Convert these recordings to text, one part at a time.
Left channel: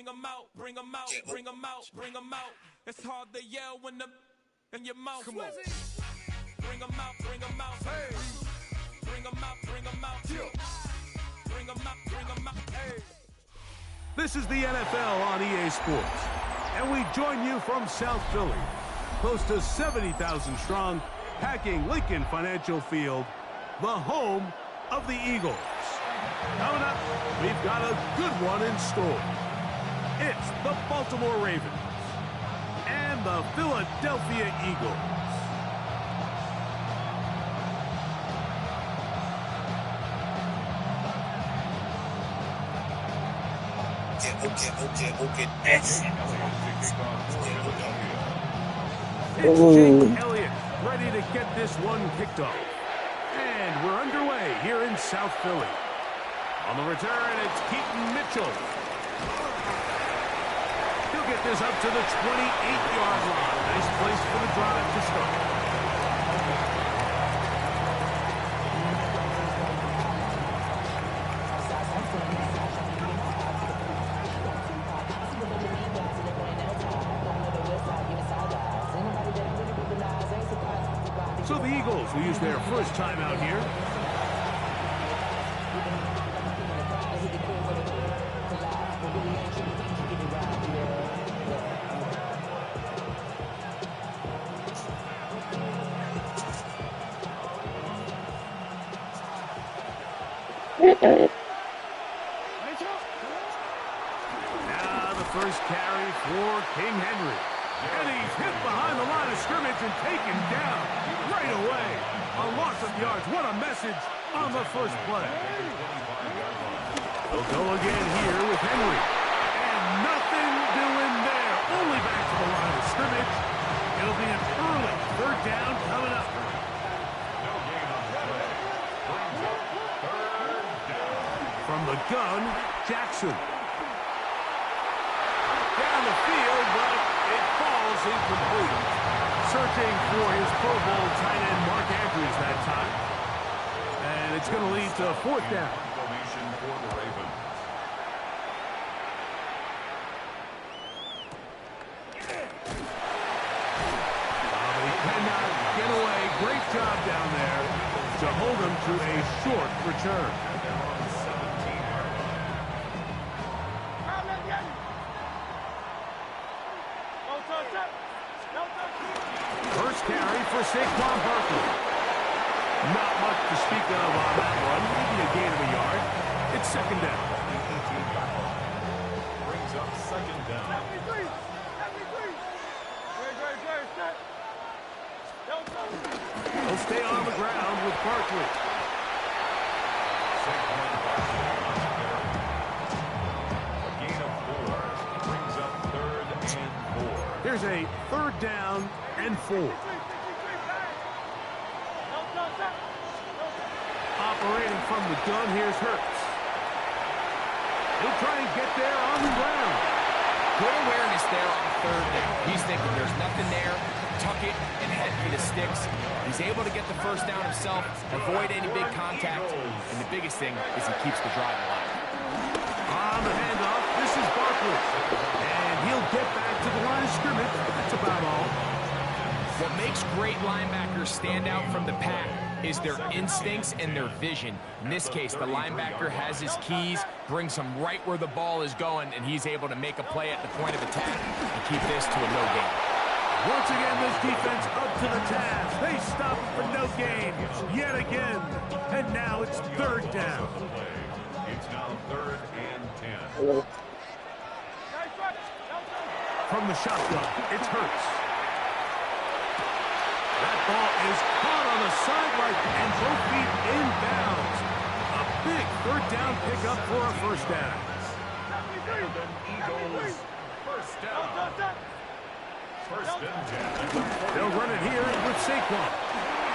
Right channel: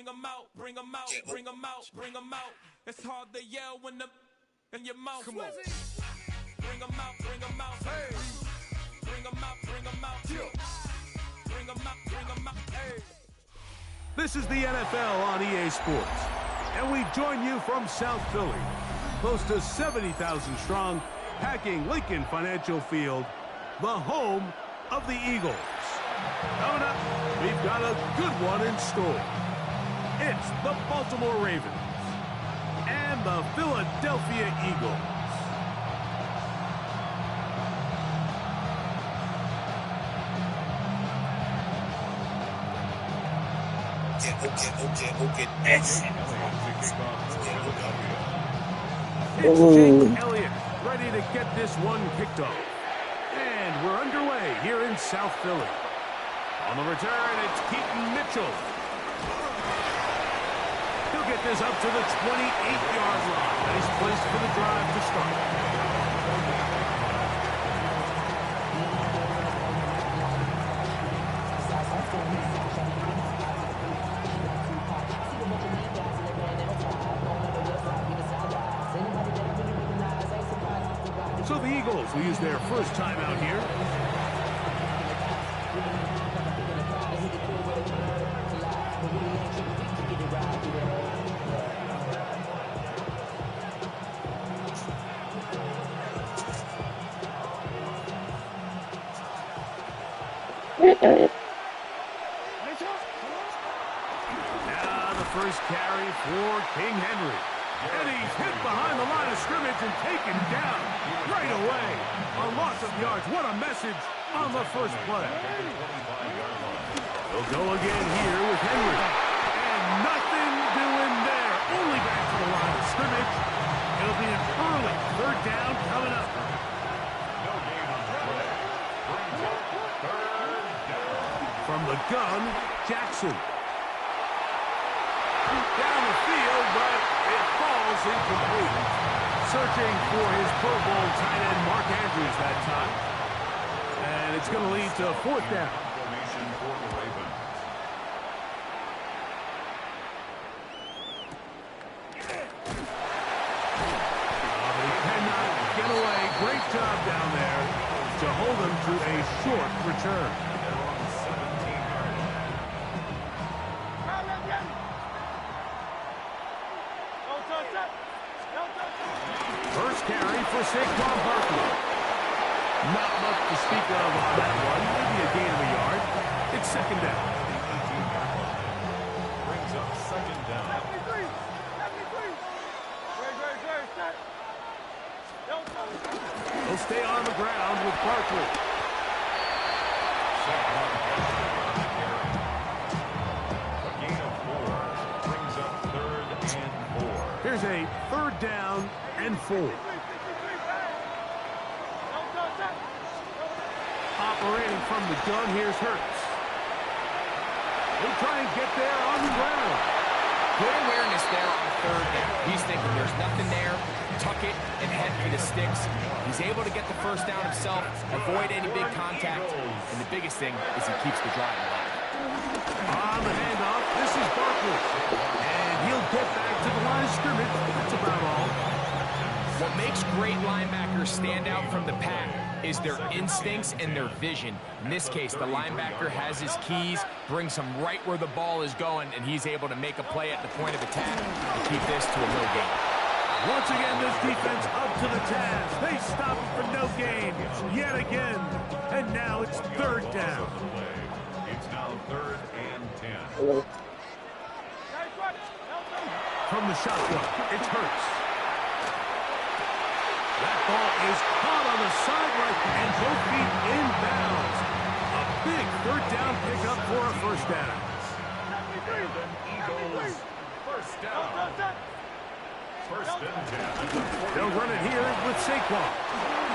bring them out, bring them out, bring them out, bring them out. It's hard to yell when the in your mouth. Come on. Bring them out, bring them out. Hey. Bring them out, bring them out. Bring them out, bring them out. Hey. This is the NFL on EA Sports, and we join you from South Philly, close to 70,000 strong, packing Lincoln Financial Field, the home of the Eagles. Coming up, we've got a good one in store. It's the Baltimore Ravens and the Philadelphia Eagles. Okay. It's Jake Elliott ready to get this one kicked off. And we're underway here in South Philly. On the return, it's Keaton Mitchell. He'll get this up to the 28-yard line. Nice place for the drive to start. So the Eagles will use their first time out here. Now the first carry for King Henry. And he's hit behind the line of scrimmage and taken down right away. A loss of yards. What a message on the first play. They'll go again here with Henry. And nothing doing there. Only back to the line of scrimmage. It'll be an early third down coming up. No gain on the play. Brings up third down. From the gun, Jackson. Down the field, but it falls incomplete. Searching for his Pro Bowl tight end Mark Andrews that time. And it's going to lead to fourth down. Formation for the Ravens. But he cannot get away. Great job down there to hold him to a short return. They're on the 17-yard line. First carry for Saquon Barkley. Not much to speak of on that one. Maybe a gain of a yard. It's second down. The 18-yard line. Brings up second down. He'll stay on the ground with Barkley. Saquon Barkley on the carry. A gain of 4. Brings up third and 4. Here's a third down and 4. Operating from the gun, here's Hurts. He'll try and get there on the ground. Good awareness there on third down. He's thinking there's nothing there. Tuck it and head for the sticks. He's able to get the first down himself, avoid any big contact, and the biggest thing is he keeps the drive alive. On the handoff, this is Barkley. And he'll get back to the line of scrimmage. That's about all. What makes great linebackers stand out from the pack is their instincts and their vision. In this case, the linebacker has his keys, brings him right where the ball is going, and he's able to make a play at the point of attack and keep this to a no gain. Once again, this defense up to the task. They stop it for no gain yet again. And now it's third down. It's now third and 10. From the shotgun, it's Hurts. That ball is caught on the sideline and both feet inbounds. A big third down pickup for a first down. And then Eagles first down. First and 10. They'll run it here with Saquon.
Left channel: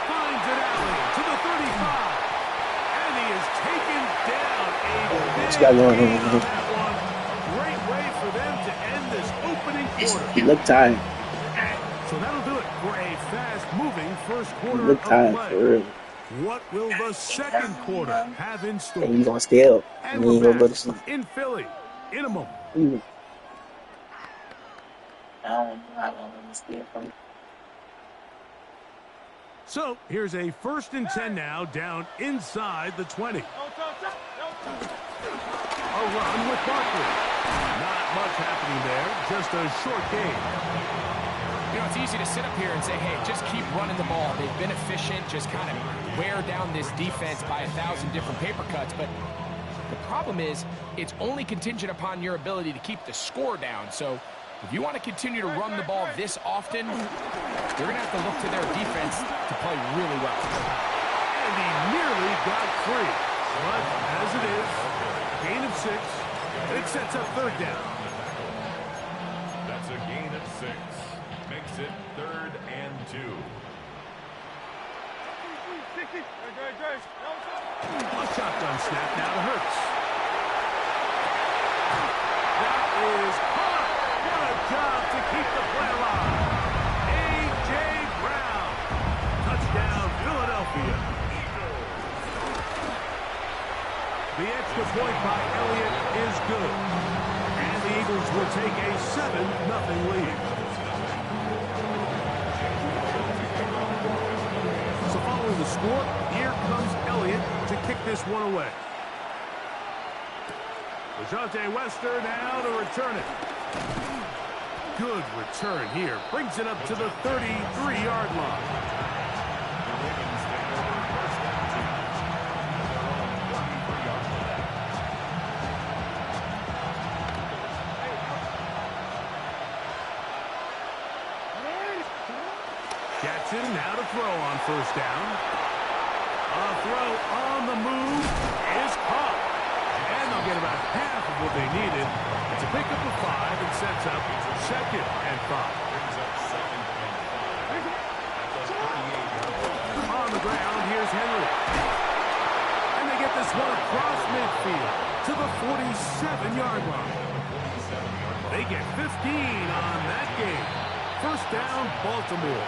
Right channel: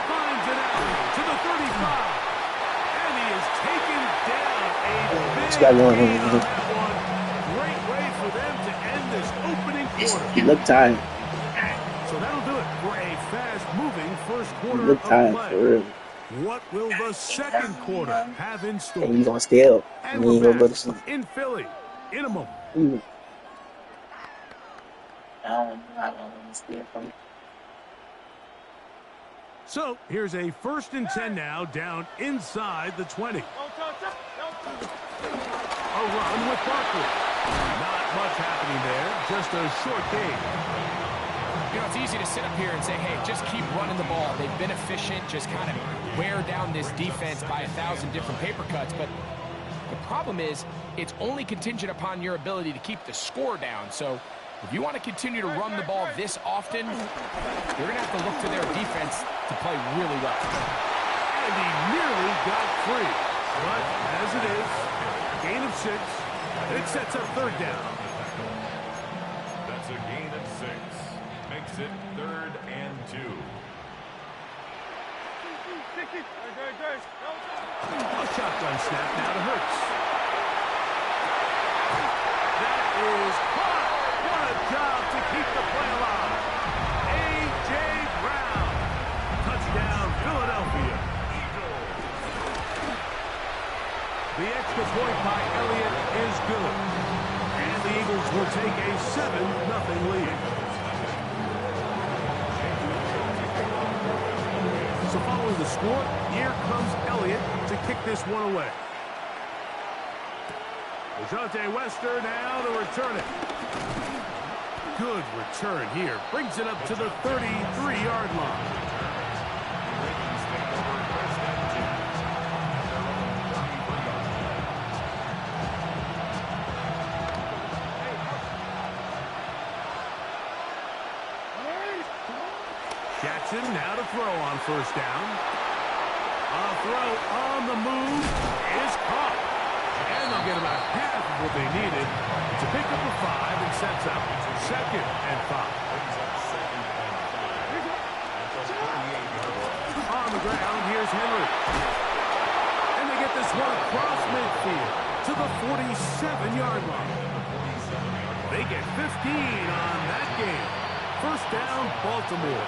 Finds an alley to the 35. And he is taken down. A big gain on that one. Great way for them to end this opening quarter. He looked tired. So that'll do it for a fast-moving first quarter He looked of tired play. for real. What will the second quarter have in store? And he's gonna stay up. And He ain't we're gonna go to back sleep. in Philly in a moment. So here's a 1st and 10 now, down inside the 20. A run with Barkley. Not much happening there, just a short gain. You know, it's easy to sit up here and say, hey, just keep running the ball. They've been efficient, just kind of wear down this defense by 1,000 different paper cuts. But the problem is, it's only contingent upon your ability to keep the score down. So if you want to continue to run the ball this often, you're going to have to look to their defense to play really well. And he nearly got free. But as it is, gain of 6. It sets up 3rd down. That's a gain of 6. Makes it 3rd and 2. A shotgun snap now to Hurts. That is caught. What a job to keep the play alive. A.J. Brown. Touchdown, Philadelphia. The extra point by Elliott is good. And the Eagles will take a 7-0 lead. So following the score, here comes Elliott to kick this one away. Dejounte Wester now to return it. Good return here. Brings it up to the 33-yard line. The Ravens take over 1st and 10 at their own 33-yard line. Jackson now to throw on 1st down. A throw on the move is caught. And they'll get about half of what they needed. It's a pickup of 5 and sets up 2nd and 5. Brings up 2nd and 5. That's a 38-yard line. On the ground, here's Henry. And they get this one across midfield to the 47-yard line. They get 15 on that game. 1st down, Baltimore.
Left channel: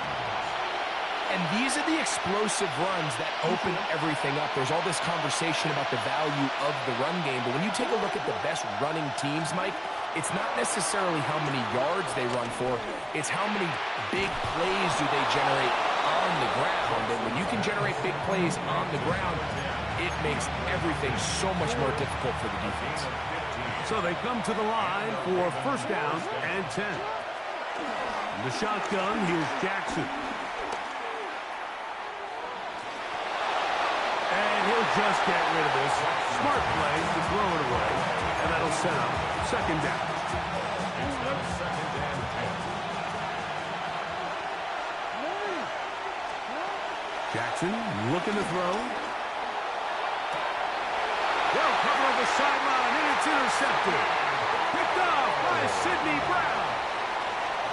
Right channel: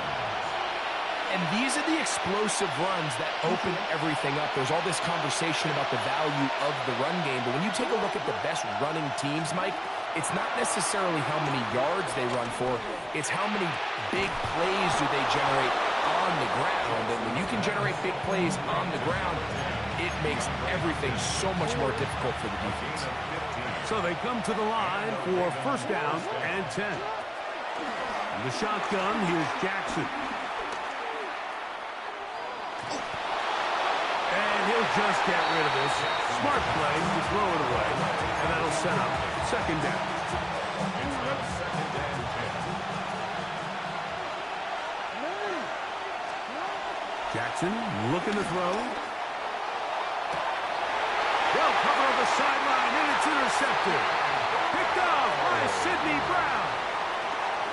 And these are the explosive runs that open everything up. There's all this conversation about the value of the run game, but when you take a look at the best running teams, Mike, it's not necessarily how many yards they run for, it's how many big plays do they generate on the ground. And when you can generate big plays on the ground, it makes everything so much more difficult for the defense. So they come to the line for 1st down and 10. In the shotgun, here's Jackson. And he'll just get rid of this. Smart play to throw it away. And that'll set up 2nd down. It's now 2nd and 10. Jackson looking to throw. Well covered on the sideline, and it's intercepted. Picked off by Sidney Brown.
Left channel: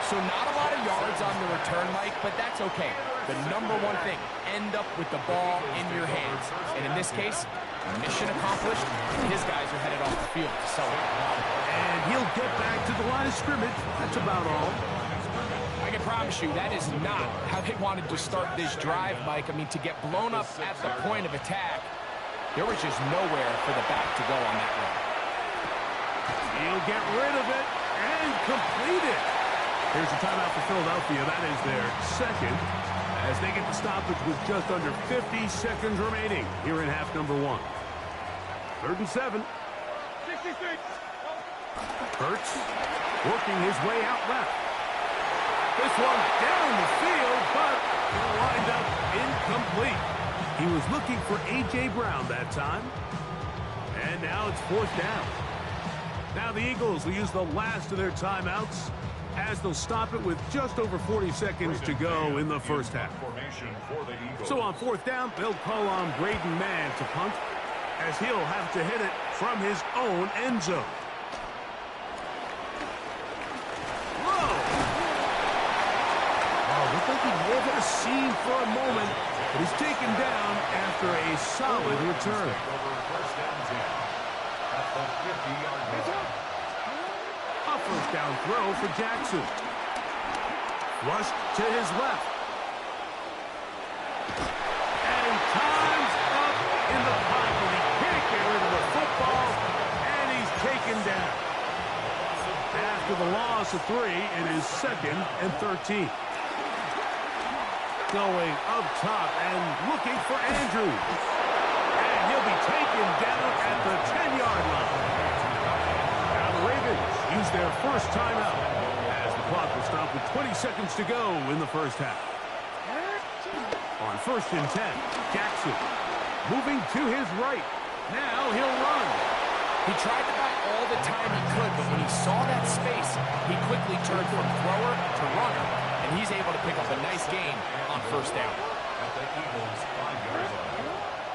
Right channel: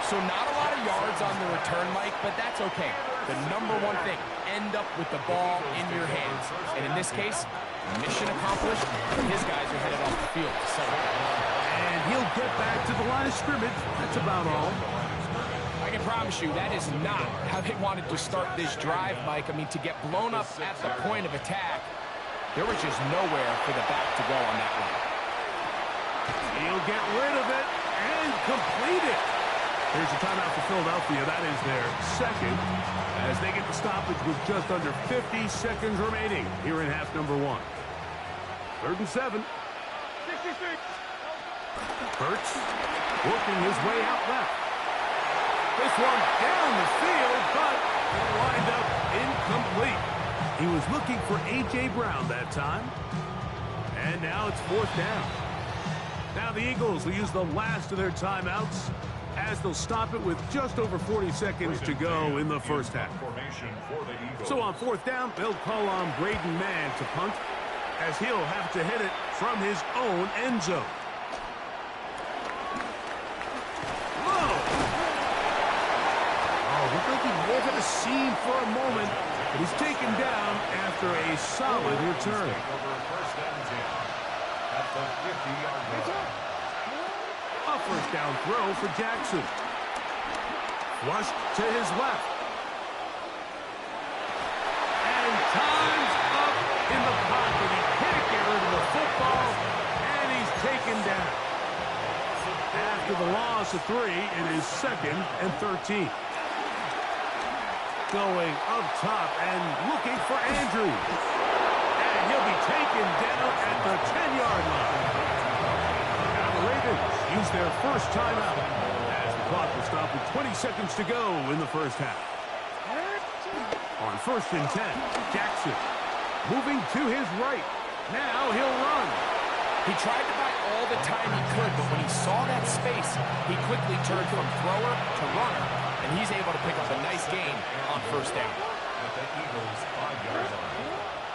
So not a lot of yards on the return, Mike, but that's okay. The number one thing, end up with the ball in your hands. And in this case, mission accomplished. His guys are headed off the field to celebrate. And he'll get back to the line of scrimmage. That's about all. I can promise you that is not how they wanted to start this drive, Mike. I mean, to get blown up at the point of attack, there was just nowhere for the back to go on that run. He'll get rid of it and complete it. Here's a timeout for Philadelphia. That is their 2nd as they get the stoppage with just under 50 seconds remaining here in half number 1. 3rd and 7. 66. Hurts working his way out left. This one down the field, but he'll wind up incomplete. He was looking for A.J. Brown that time. And now it's 4th down. Now the Eagles will use the last of their timeouts as they'll stop it with just over 40 seconds to go in the 1st half. So on 4th down, they'll call on Braden Mann to punt as he'll have to hit it from his own end zone. Low. Oh, looked like he may have hit a seam for a moment, but he's taken down after a solid return. First and 10 at the 50-yard line. A 1st down throw for Jackson. Flushed to his left. And time's up in the pocket. He can't get rid of the football, and he's taken down. After the loss of 3, it is 2nd and 13. Going up top and looking for Andrews. And he'll be taken down at the 10-yard line. Now the Ravens use their first timeout as the clock will stop with 20 seconds to go in the first half. On 1st and 10, Jackson moving to his right. Now he'll run. He tried to buy all the time he could, but when he saw that space, he quickly turned from thrower to runner, and he's able to pick up a nice gain on 1st down. At the Eagles' 5-yard line.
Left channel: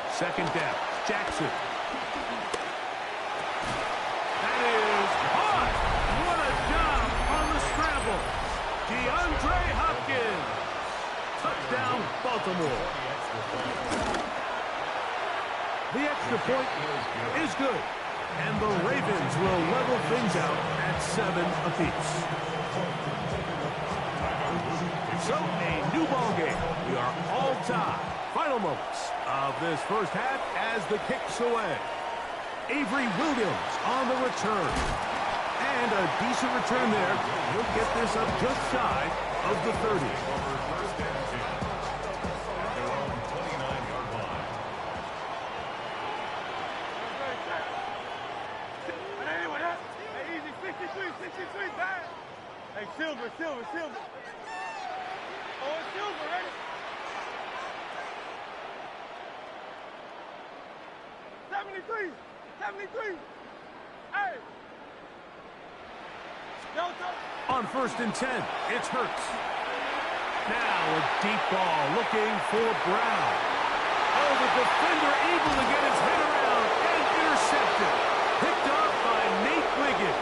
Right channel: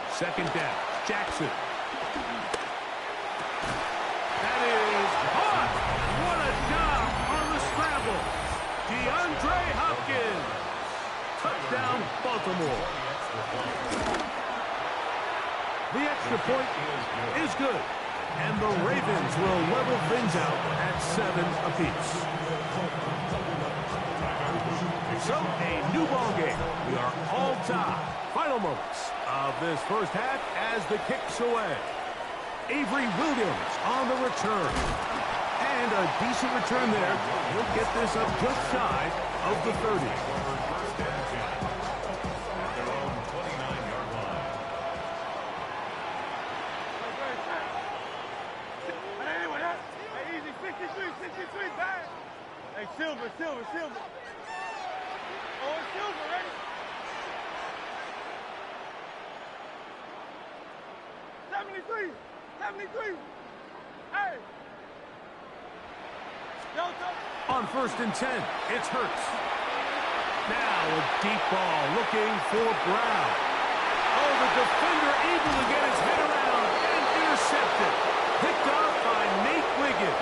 2nd down, Jackson. That is caught. What a job on the scramble. DeAndre Hopkins. Touchdown, Baltimore. The extra point is good. And the Ravens will level things out at 7 apiece. So, a new ball game. We are all tied. Final moments of this first half as the kick's away. Avery Williams on the return. And a decent return there. He'll get this up just shy of the 30. First and 10 at their own 29-yard line. Easy, 63, back. Hey, Silver. Oh, it's Silver, ready? 73. Hey. Delta. On 1st and 10, it's Hurts. Now a deep ball looking for Brown. Oh, the defender able to get his head around and intercepted. Picked off by Nate Wiggins.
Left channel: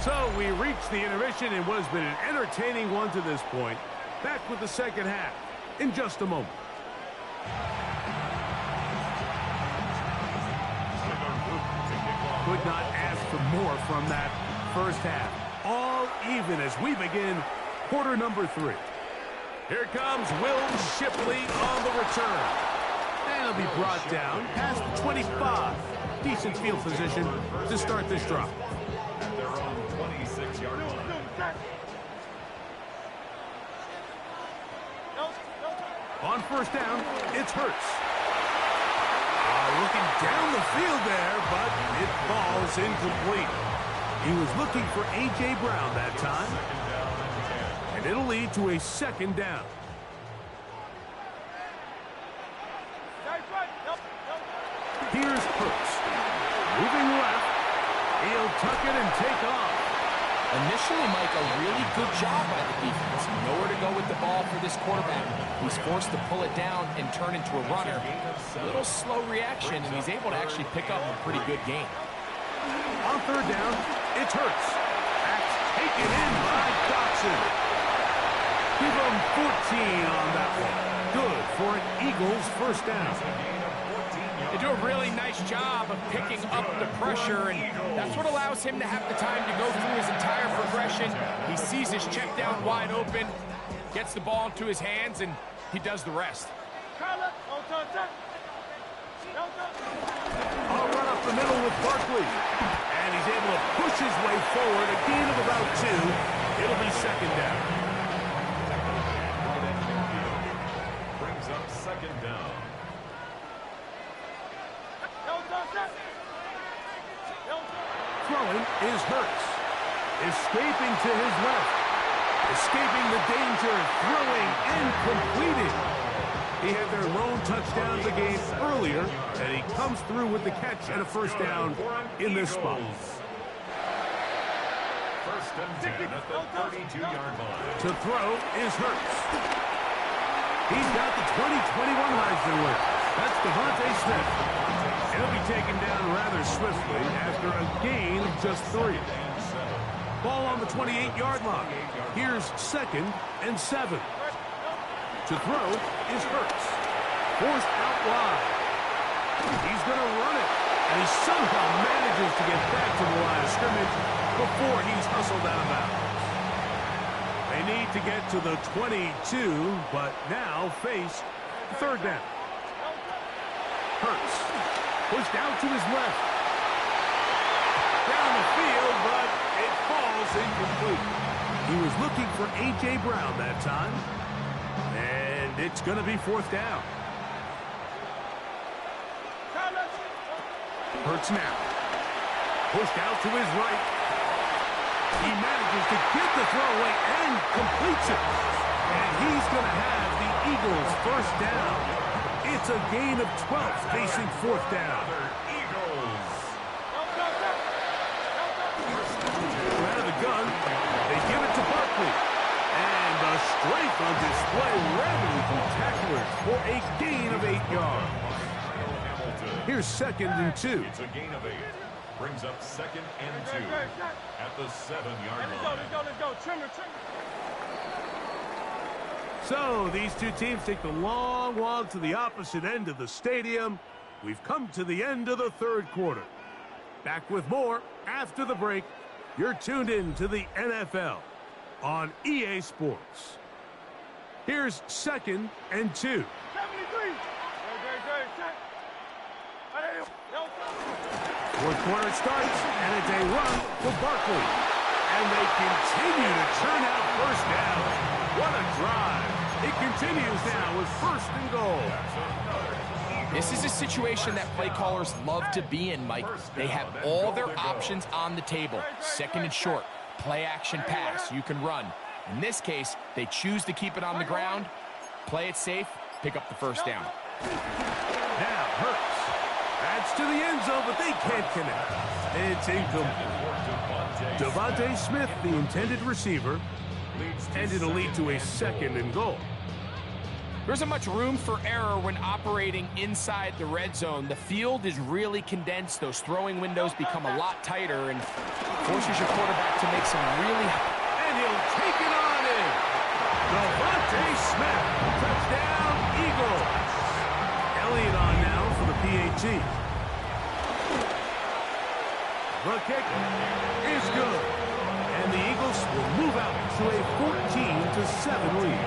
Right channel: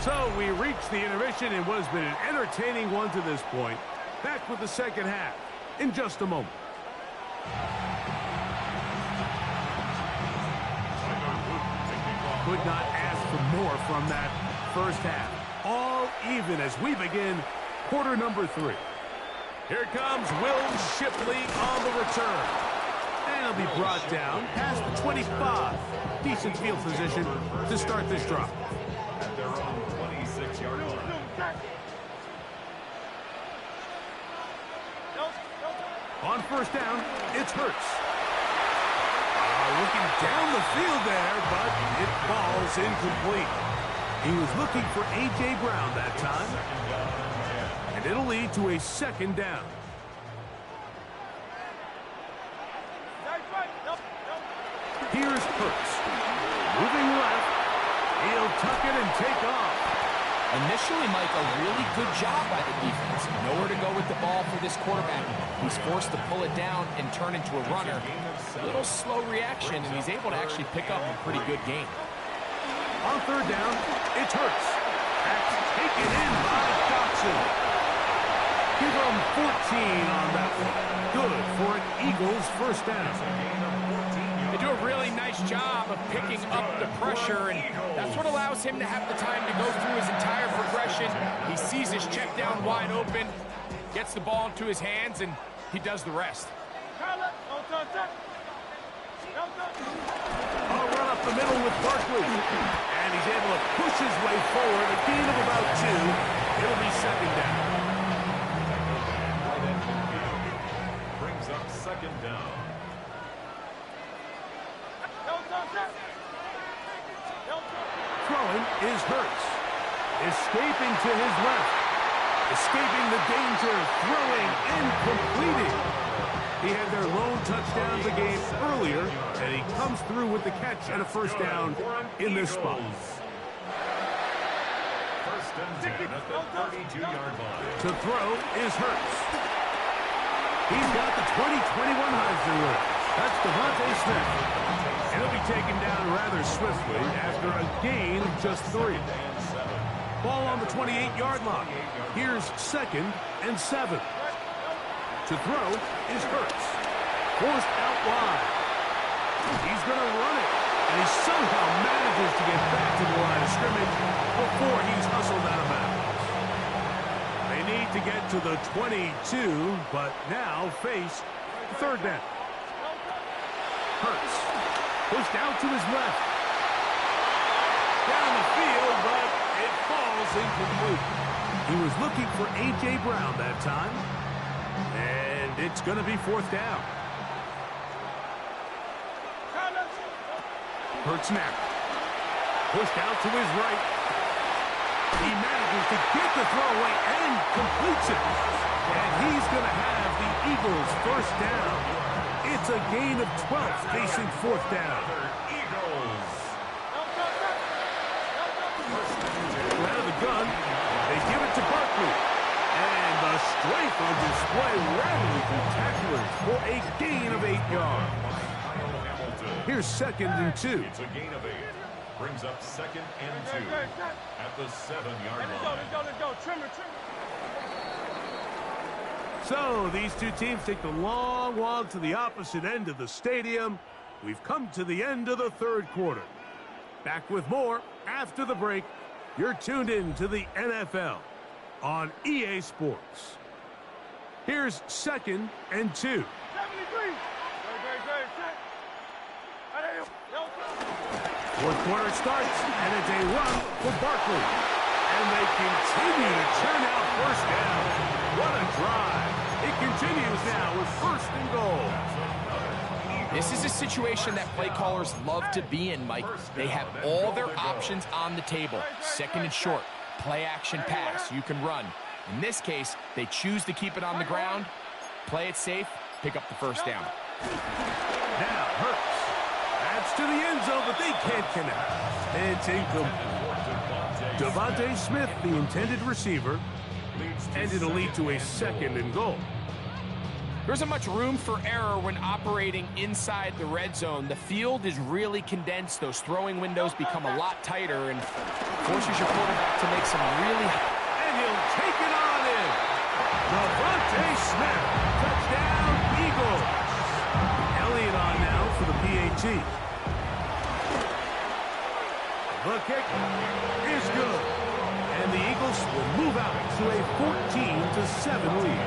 So we reached the intermission in what has been an entertaining one to this point. Back with the second half in just a moment. Could not ask for more from that first half. All even as we begin quarter number 3. Here comes Will Shipley on the return. And he'll be brought down past the 25. Decent field position to start this drive. At their own 26-yard line. On 1st down, it's Hurts. Looking down the field there, but it falls incomplete. He was looking for A.J. Brown that time. And it'll lead to a 2nd down. Here's Hurts. Moving left. He'll tuck it and take off. Initially, Mike, a really good job by the defense. Nowhere to go with the ball for this quarterback. He's forced to pull it down and turn into a runner. A little slow reaction, and he's able to actually pick up a pretty good gain. On 3rd down, it's Hurts. That's taken in by Dotson. Give him 14 on that one. Good for an Eagles 1st down. They do a really nice job of picking up the pressure, and that's what allows him to have the time to go through his entire progression. He sees his check down wide open, gets the ball into his hands, and he does the rest. A run up the middle with Barkley. And he's able to push his way forward. A gain of about 2. It'll be 2nd down. Right at midfield. Brings up 2nd down. Throwing is Hurts. Escaping to his left. Escaping the danger. Throwing and completing. He had their lone touchdown of the game earlier, and he comes through with the catch and a 1st down in this spot. 1st and 10 at the 32-yard line. To throw is Hurts. He's got the 2021 Heisman winner. That's Devontae Smith. And he'll be taken down rather swiftly after a gain of just 3. Ball on the 28-yard line. Here's 2nd and 7. To throw is Hurts. Forced out wide. He's going to run it. And he somehow manages to get back to the line of scrimmage before he's hustled out of bounds. They need to get to the 22, but now face 3rd down. Hurts. Pushed out to his left. Down the field, but it falls incomplete. He was looking for A.J. Brown that time. And it's going to be 4th down. Hurts now. Pushed out to his right. He manages to get the throw away and completes it. And he's going to have the Eagles' 1st down. It's a gain of 12 facing 4th down. Out of the gun, they give it to Barkley. And the strength on display rapidly through tacklers for a gain of 8 yards. Here's 2nd and 2. It's a gain of 8. Brings up 2nd and 2 at the 7-yard line. Let's go. Trimmer. So these two teams take the long walk to the opposite end of the stadium. We've come to the end of the 3rd quarter. Back with more after the break. You're tuned in to the NFL on EA Sports. Here's 2nd and 2. 73. Fourth quarter starts, and it's a run for Barkley. And they continue to churn out 1st down. What a drive. It continues now with 1st and goal. This is a situation that play callers love to be in, Mike. They have all their options on the table. 2nd and short, play action pass, you can run. In this case, they choose to keep it on the ground, play it safe, pick up the 1st down. Now Hurts. That's to the end zone, but they can't connect. It's incomplete. Devontae Smith, the intended receiver, and it'll lead to a 2nd and goal. There isn't much room for error when operating inside the red zone. The field is really condensed. Those throwing windows become a lot tighter and forces your quarterback to make some really... And he'll take it on in. Devontae Smith. Touchdown, Eagles. Elliott on now for the PAT. The kick is good. And the Eagles will move out to a 14-7 lead.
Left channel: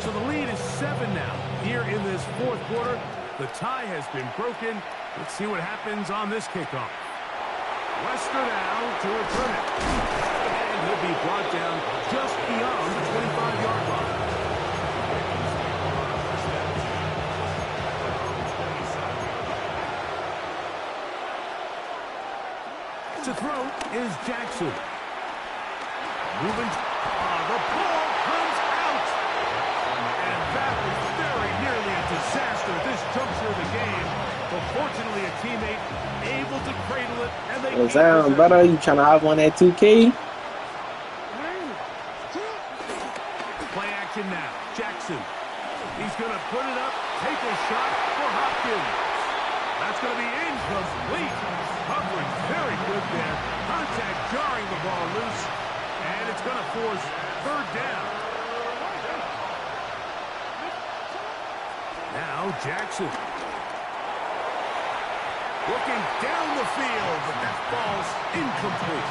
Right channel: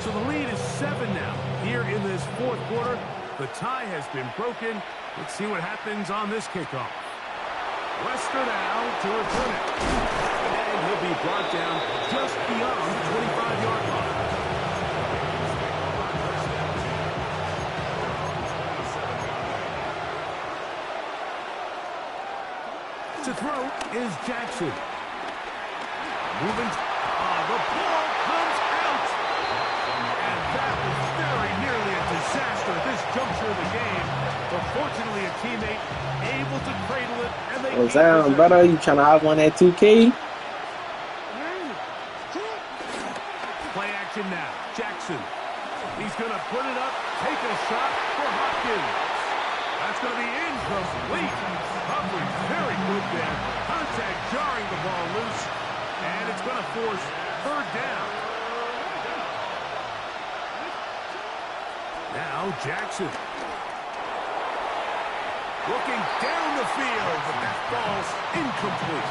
So the lead is 7 now. Here in this 4th quarter, the tie has been broken. Let's see what happens on this kickoff. Wester now to return it. And he'll be brought down just beyond the 25-yard line. To throw is Jackson. Moving. The ball comes out. And that was very nearly a disaster at this juncture of the game. But fortunately, a teammate able to cradle it. And they What's down, brother? You trying to hop on that 2K? Play action now. Jackson. He's going to put it up, take a shot for Hopkins. That's going to be incomplete. Coverage very good there. Contact jarring the ball loose. And it's going to force 3rd down. Now Jackson. Looking down the field, but that ball's incomplete.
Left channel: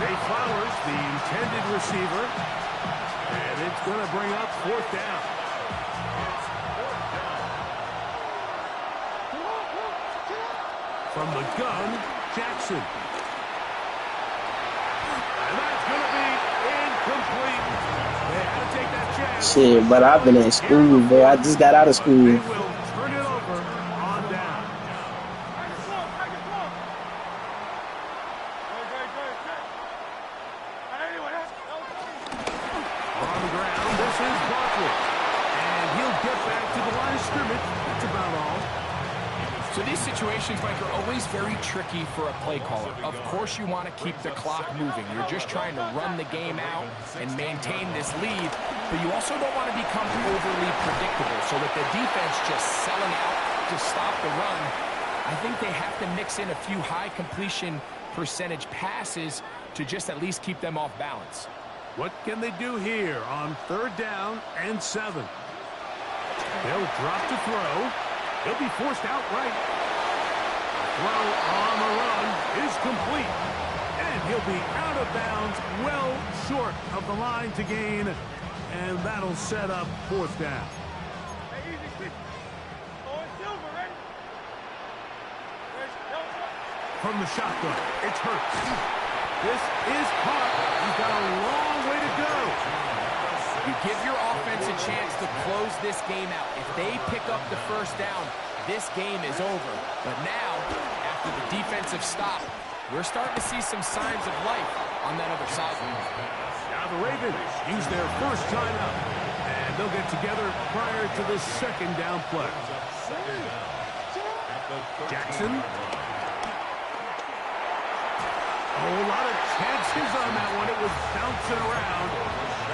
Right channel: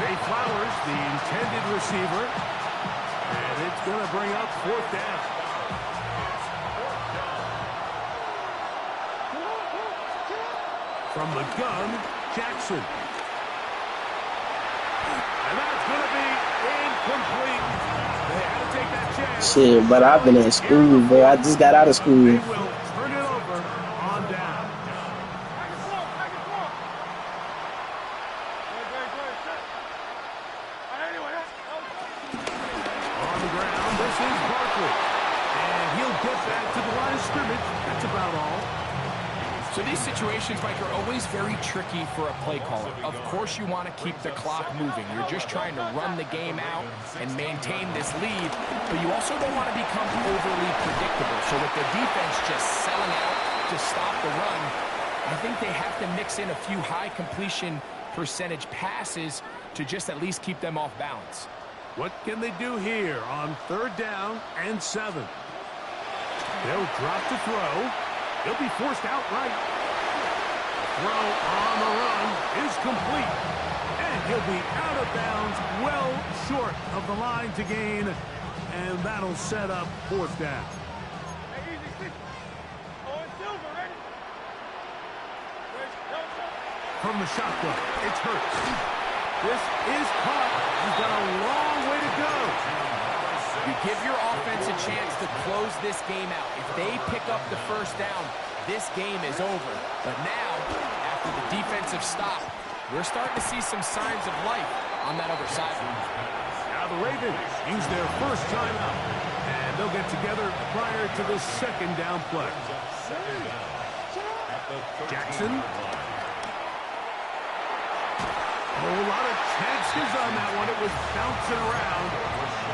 Zay Flowers, the intended receiver. And it's going to bring up 4th down. From the gun, Jackson. And that's going to be incomplete. They had to take that chance. Shit, but I've been in school, bro. I just got out of school. They will turn it over on down. On the ground, this is Barkley. And he'll get back to the line of scrimmage. That's about all. So these situations, Mike, are always very tricky for a play caller. Of course you want to keep the clock moving. You're just trying to run the game out and maintain this lead, but you also don't want to become overly predictable. So with the defense just selling out to stop the run, I think they have to mix in a few high completion percentage passes to just at least keep them off balance. What can they do here on 3rd down and 7? They'll drop to throw. He'll be forced outright. The throw on the run is complete. And he'll be out of bounds well short of the line to gain and that'll set up 4th down. Hey, easy, quick. Oh, it's Silver, ready? From the shotgun, it's Hurts. This is caught. He's got a long way to go. You give your offense a chance to close this game out. If they pick up the 1st down, this game is over. But now, after the defensive stop, we're starting to see some signs of life on that other sideline. Now the Ravens use their 1st timeout, and they'll get together prior to the 2nd down play. Jackson. Oh, a lot of chances on that one. It was bouncing around,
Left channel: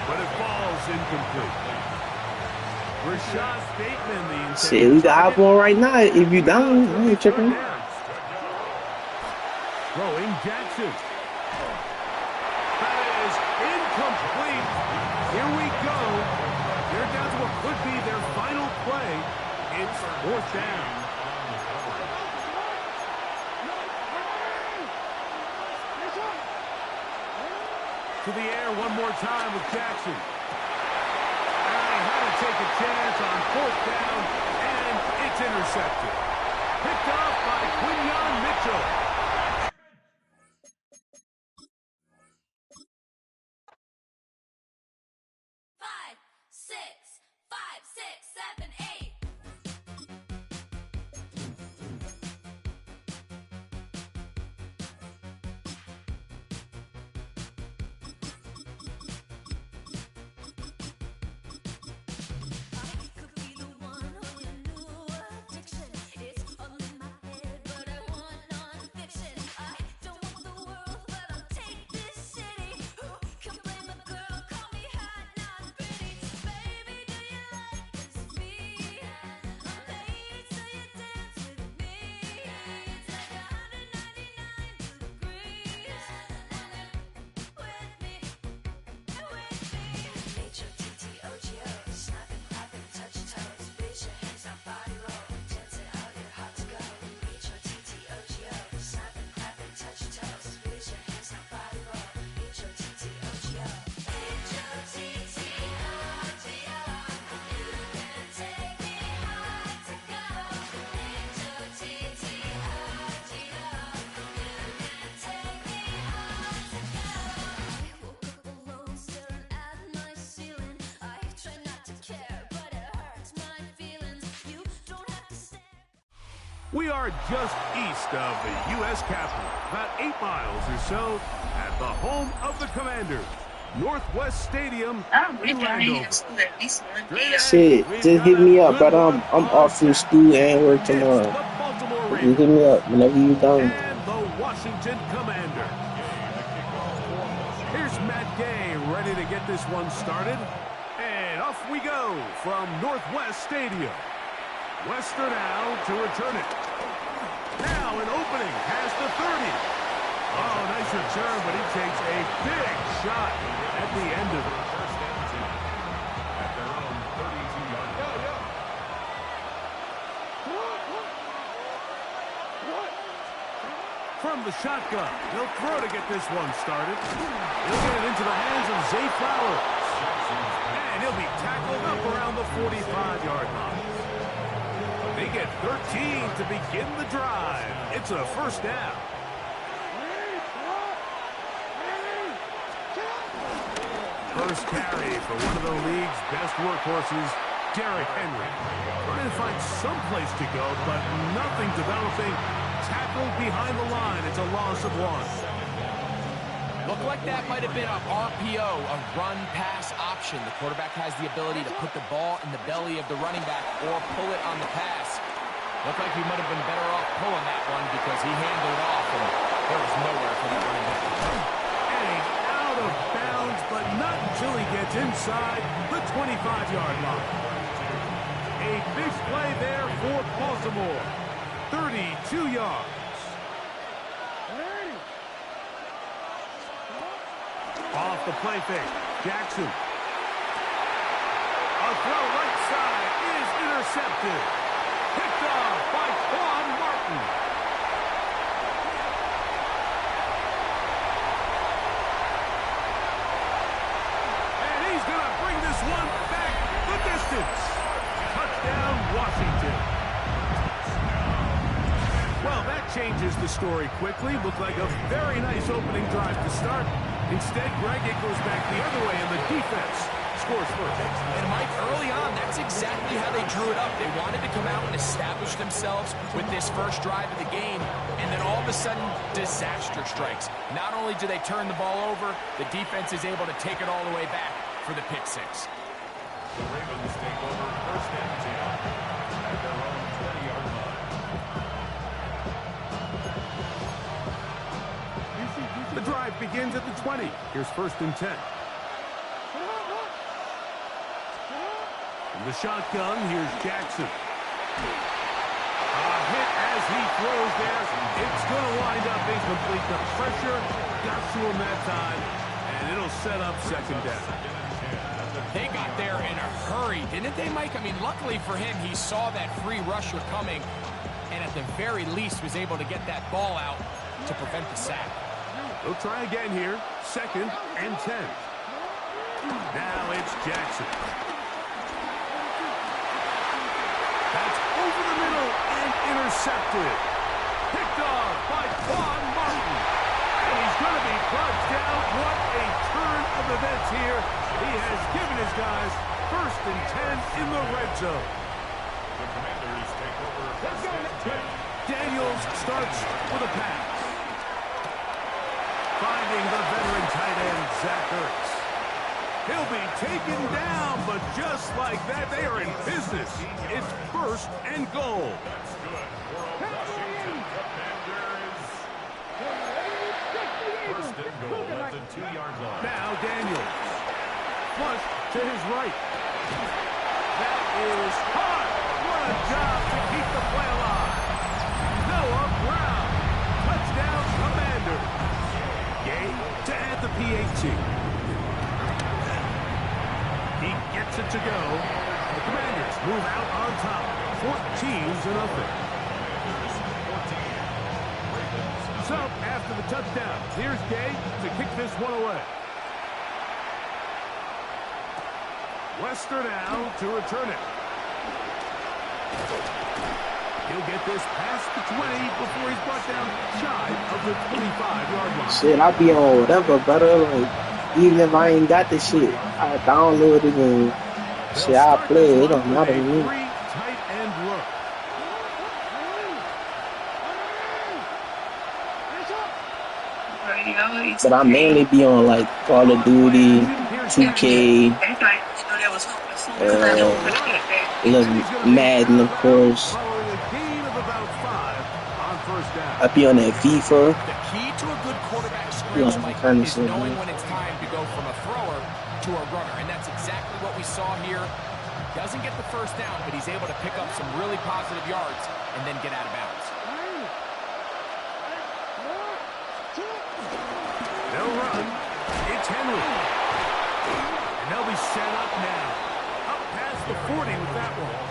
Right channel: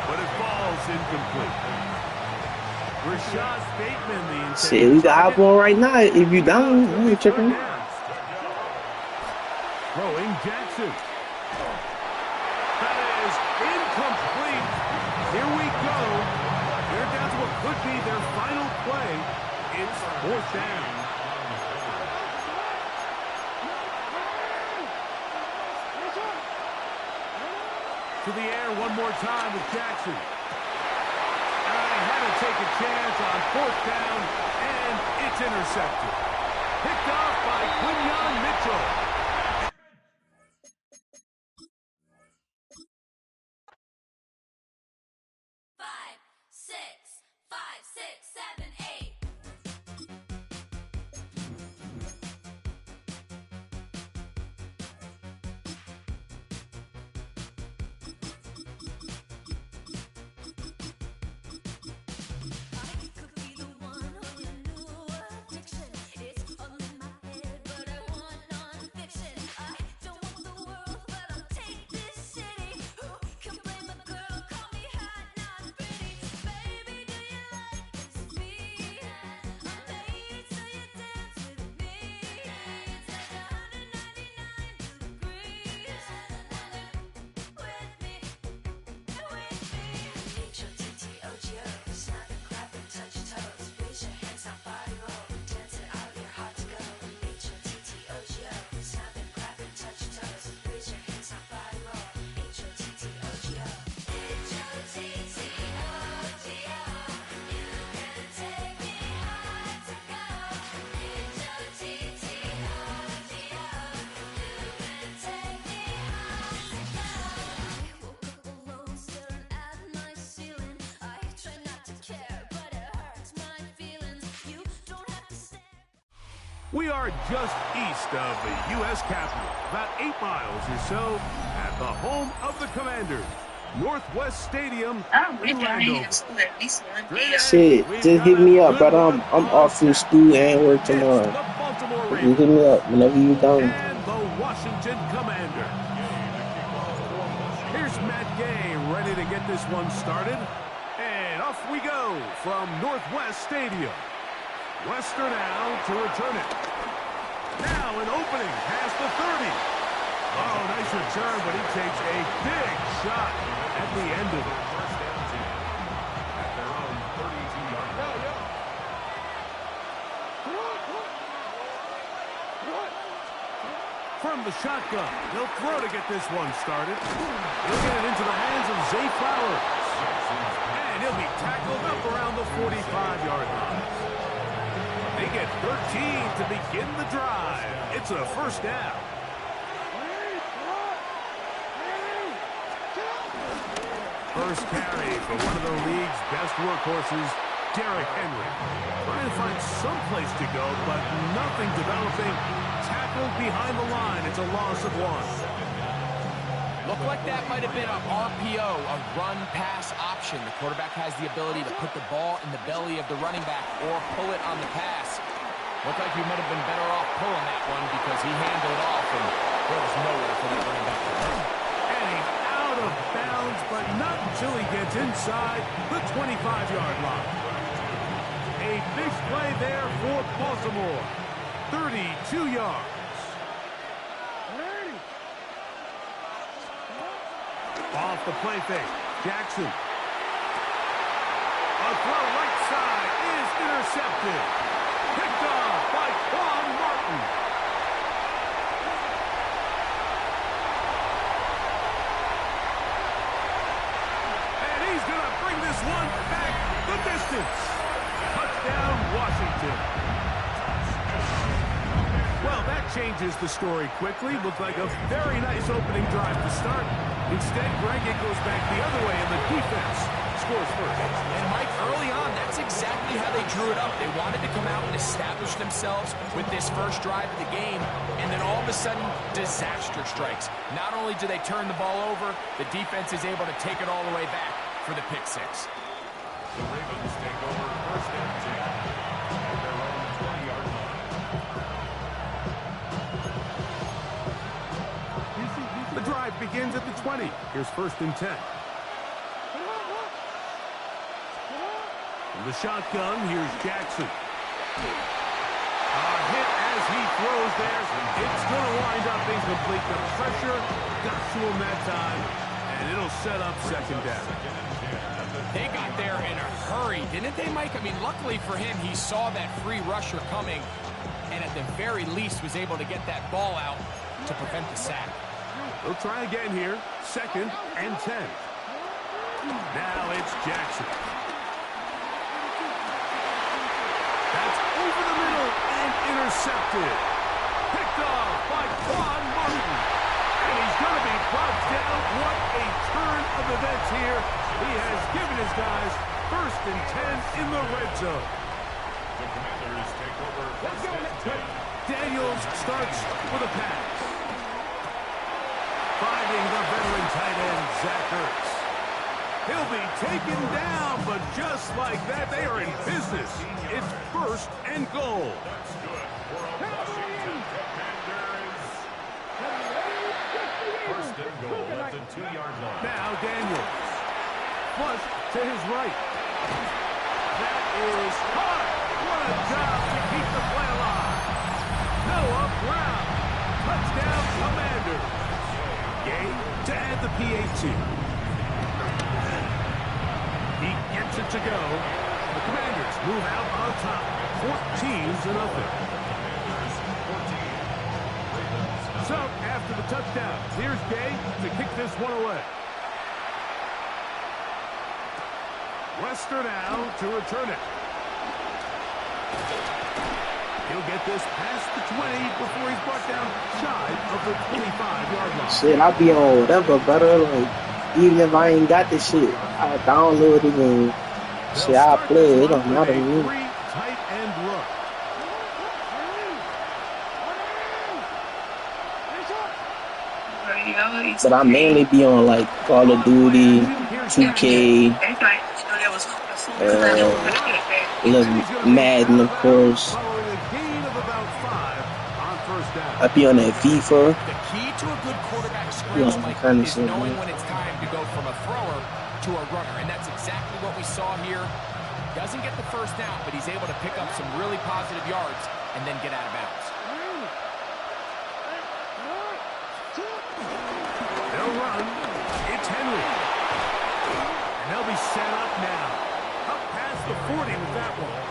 but it falls incomplete. Rashad Bateman, the intended Shit, we got hop on right now. If you down, I ain't tripping. Throwing Jackson. That is incomplete. Here we go. They're down to what could be their final play. It's 4th down. To the air one more time with Jackson. And he had to take a chance on 4th down, and it's intercepted. Picked off by Quinyon Mitchell. We are just east of the U.S. Capitol, about 8 miles or so, at the home of the Commanders, Northwest Stadium in Landover. Shit, just hit me up, but I'm off from school and work tomorrow. You hit me up whenever you done. And the Washington Commander. Here's Matt Gay ready to get this one started. And off we go from Northwest Stadium. Wester now to return it. Now an opening past the 30. Oh, nice return, but he takes a big shot at the end of it. First down 10 at their own 32-yard line. From the shotgun, he'll throw to get this one started. He'll get it into the hands of Zay Flowers. And he'll be tackled up around the 45-yard line. They get 13 to begin the drive. It's a 1st down. First carry for one of the league's best workhorses, Derrick Henry. Trying to find some place to go, but nothing developing. Tackled behind the line. It's a loss of 1. Looked like that might have been a RPO, a run-pass option. The quarterback has the ability to put the ball in the belly of the running back or pull it on the pass. Looked like he might have been better off pulling that one because he handled it off, and there was nowhere for that running back to go. And he's out of bounds, but not until he gets inside the 25-yard line. A big play there for Baltimore. 32 yards. Off the play fake, Jackson. A throw right side is intercepted. Picked off by Quan Martin. And he's going to bring this one back the distance. Touchdown, Washington. Well, that changes the story quickly. Looked like a very nice opening drive to start. Instead, Greg, it goes back the other way, and the defense scores first. And Mike, early on, that's exactly how they drew it up. They wanted to come out and establish themselves with this first drive of the game, and then all of a sudden, disaster strikes. Not only do they turn the ball over, the defense is able to take it all the way back for the pick six. The Ravens take over first and 10 at their own 20-yard line. The drive begins at the 20. Here's first and 10. From the shotgun, here's Jackson. A hit as he throws there. It's going to wind up incomplete. The pressure got to him that time, and it'll set up second down. They got there in a hurry, didn't they, Mike? I mean, luckily for him, he saw that free rusher coming, and at the very least was able to get that ball out to prevent the sack. They'll try again here. Second and 10. Now it's Jackson. That's over the middle and intercepted. Picked off by Quan Martin. And he's going to be brought down. What a turn of events here. He has given his guys first and 10 in the red zone. The Commanders take over first and 10. Daniels starts with a pass. Finding the veteran tight end, Zach Ertz. He'll be taken down, but just like that, they are in business. It's first and goal. That's good for a Washington Commanders. First and goal at the 2-yard line. Now Daniels. Flush to his right. That is caught. What a job to keep the play alive. Noah Brown. Touchdown, Commanders. Gay to add the PAT. He gets it to go. The Commanders move out on top. 14-0. So, after the touchdown, here's Gay to kick this one away. Wester now to return it. He'll get this past the 20 before he's brought down shy of the 25-yard line. Shit, I be on whatever, brother. Like, even if I ain't got this shit, I download it and shit, I play it. It don't matter to me. Tight end look. But I mainly be on like Call of Duty, 2K, Madden, of course. I be on that FIFA. The key to a good quarterback scrimmage, Mike, is knowing when it's time to go from a thrower to a runner, and that's exactly what we saw here. Doesn't get the first down, but he's able to pick up some really positive yards and then get out of bounds. They'll run. It's Henry. And they'll be set up now. Up past the 40 with that one.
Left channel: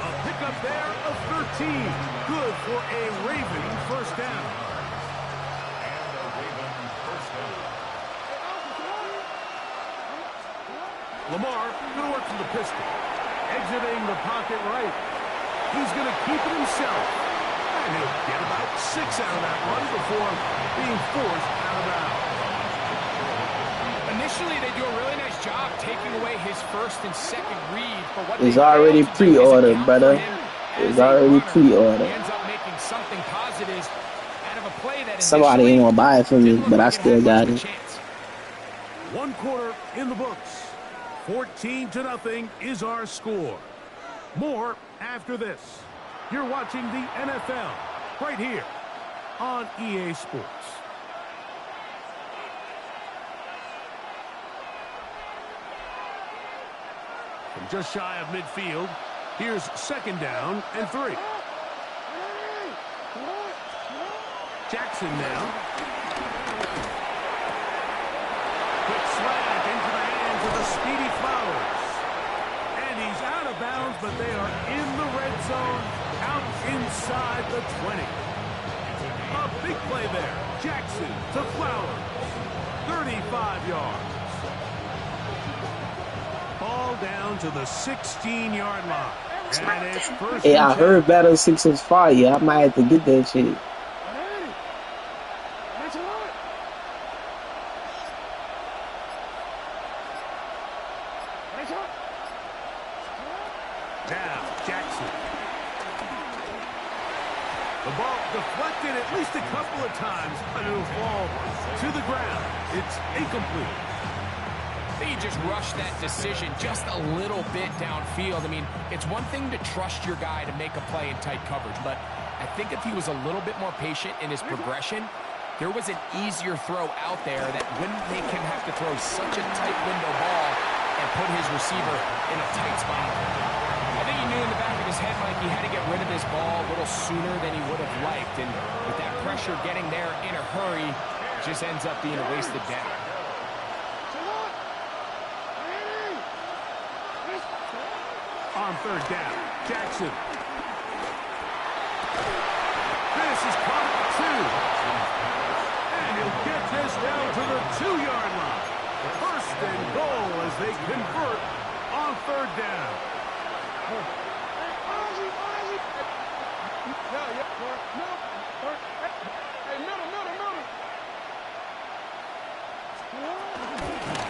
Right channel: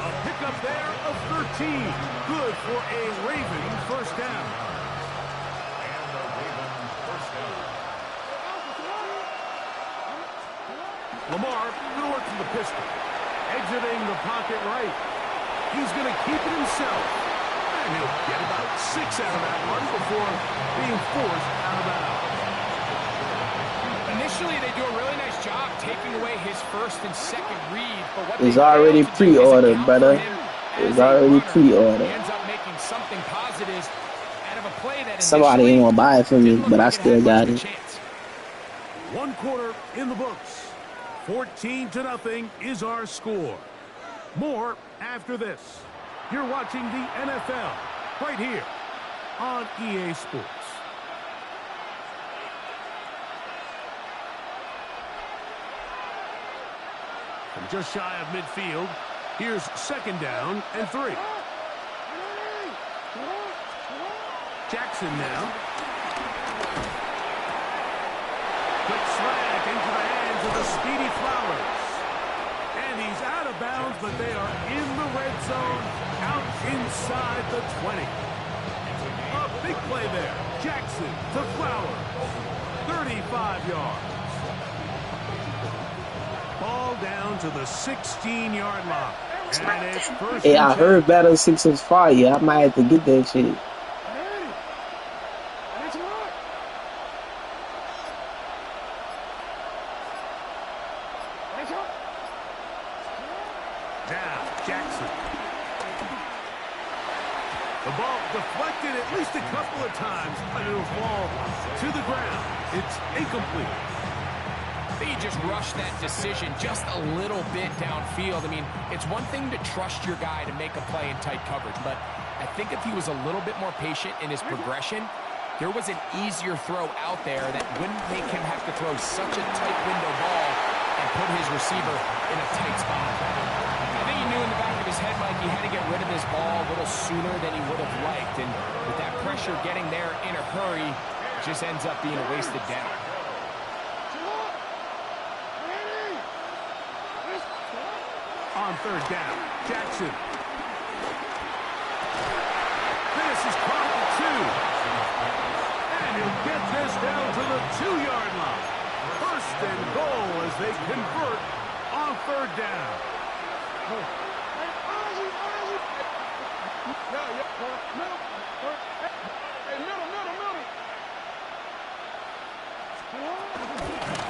A pickup there of 13. Good for a Raven first down. And the Raven first down. Lamar going to work from the pistol. Exiting the pocket right. He's going to keep it himself. And he'll get about 6 out of that one before being forced out of bounds. Initially, they do a really nice job taking away his first and second read, but what it's already pre-ordered, brother. It's already pre-ordered. Ends up making something positive out of a play that somebody ain't gonna buy it for me, but I still got it. One quarter in the books. 14-0 is our score. More after this. You're watching the NFL right here on EA Sports. From just shy of midfield, here's second down and 3. Jackson now. Quick slant into the hands of the speedy Flowers. And he's out of bounds, but they are in the red zone, out inside the 20. A big play there. Jackson to Flowers. 35 yards. Ball down to the 16-yard line. And it's first Hey, and I 10. heard Battle 6 is fire. I might have to get that shit. Now, Jackson. The ball deflected at least a couple of times, but it'll fall to the ground. It's incomplete. He just rushed that decision just a little bit downfield. I mean, it's one thing to trust your guy to make a play in tight coverage, but I think if he was a little bit more patient in his progression, there was an easier throw out there that wouldn't make him have to throw such a tight window ball and put his receiver in a tight spot. I think he knew in the back of his head, Mike, he had to get rid of his ball a little sooner than he would have liked. And with that pressure getting there in a hurry, it just ends up being a wasted down. On third down, Jackson. This is Chronicle 2. And he'll get this down to the 2-yard line. First and goal as they convert on third down.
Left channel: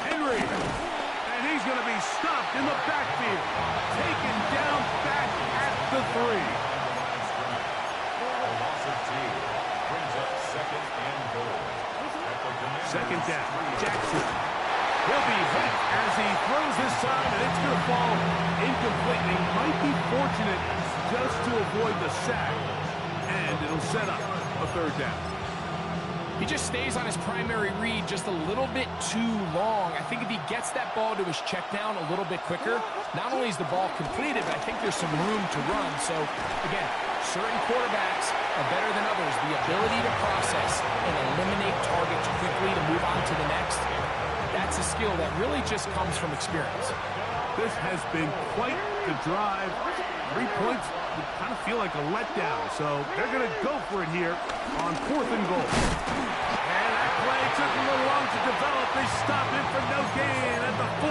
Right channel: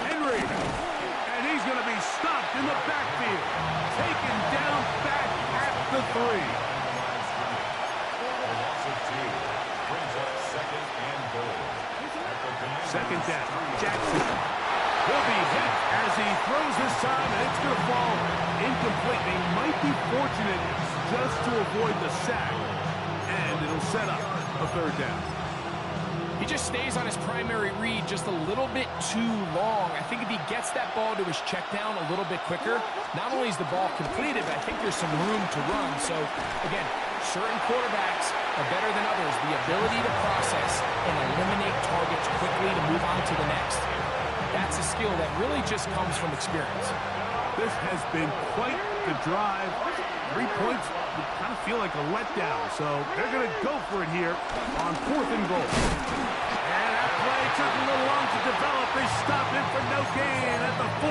Henry, and he's going to be stopped in the backfield, taken down back at the 3. A loss of 2 brings up second and goal. Second down, Jackson. He'll be hit as he throws this time, and it's going to fall incomplete. He might be fortunate just to avoid the sack, and it'll set up a third down. He just stays on his primary read just a little bit too long. I think if he gets that ball to his check down a little bit quicker, not only is the ball completed, but I think there's some room to run. So, again, certain quarterbacks are better than others. The ability to process and eliminate targets quickly to move on to the next, that's a skill that really just comes from experience. This has been quite the drive. 3 points would kind of feel like a letdown, so they're going to go for it here on 4th and goal. And that play took a little long to develop. They stop him for no gain at the 4.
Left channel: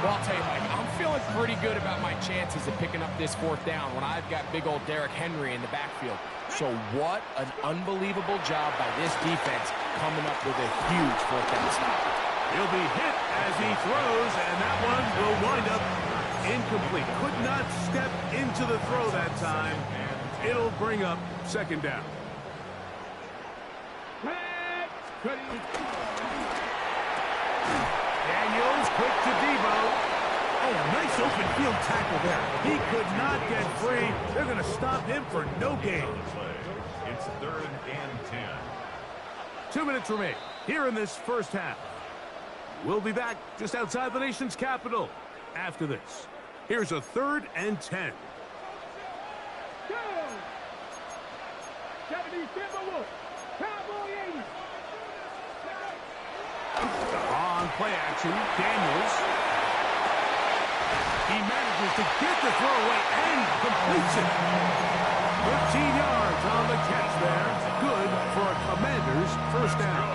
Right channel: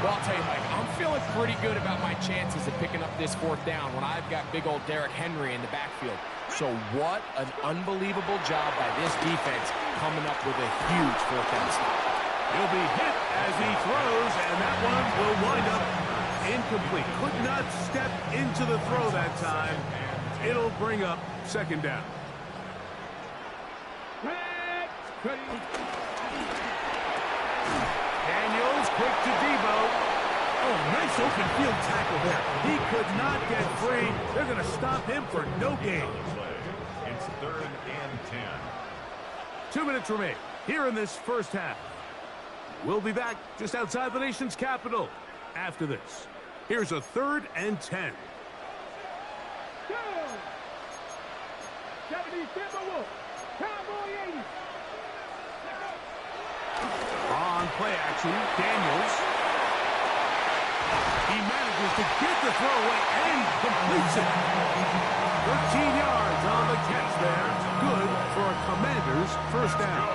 Well, I'll tell you, Mike, I'm feeling pretty good about my chances of picking up this 4th down when I've got big old Derrick Henry in the backfield. So what an unbelievable job by this defense coming up with a huge 4th down stop. He'll be hit as he throws, and that one will wind up incomplete. Could not step into the throw that time. It'll bring up second down. Daniels quick to Debo. Oh, nice open field tackle there. He could not get free. They're going to stop him for no gain. It's 3rd and 10. 2 minutes remain here in this first half. We'll be back just outside the nation's capital after this. Here's a 3rd and 10. On play action, Daniels. He manages to get the throw away and completes it. 13 yards on the catch there. Good for a Commanders first down.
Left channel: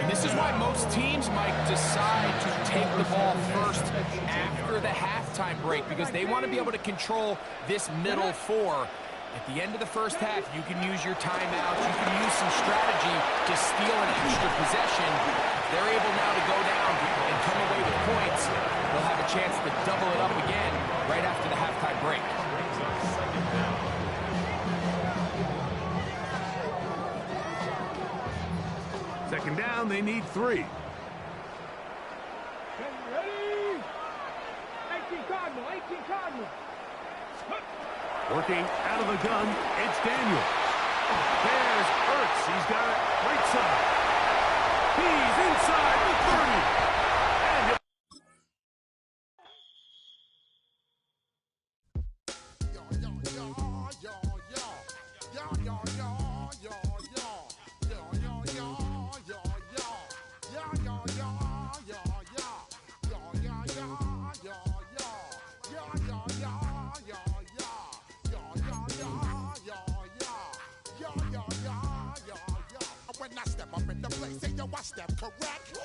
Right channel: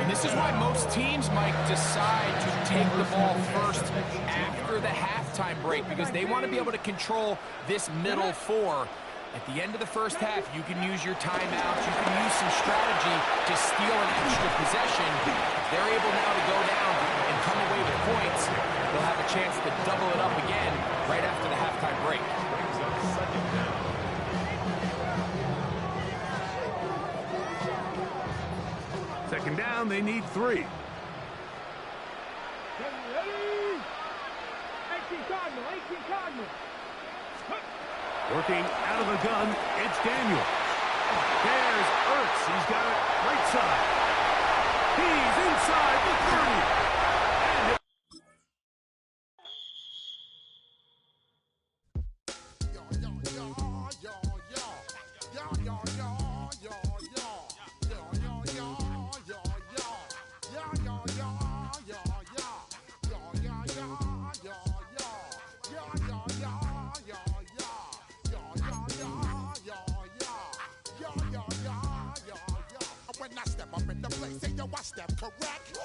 And this is why most teams might decide to take the ball first after the halftime break, because they want to be able to control this middle 4. At the end of the first half, you can use your timeouts. You can use some strategy to steal an extra possession. They're able now to go down and come away with points. They'll have a chance to double it up again right after the halftime break. Brings up second down. Second down, they need 3. Ready? 18 Cardinal, 18 Cardinal. Working out of the gun, it's Daniels. There's Ertz. He's got it right side. He's inside the 30. And When I step up in the place, say yo, I step correct.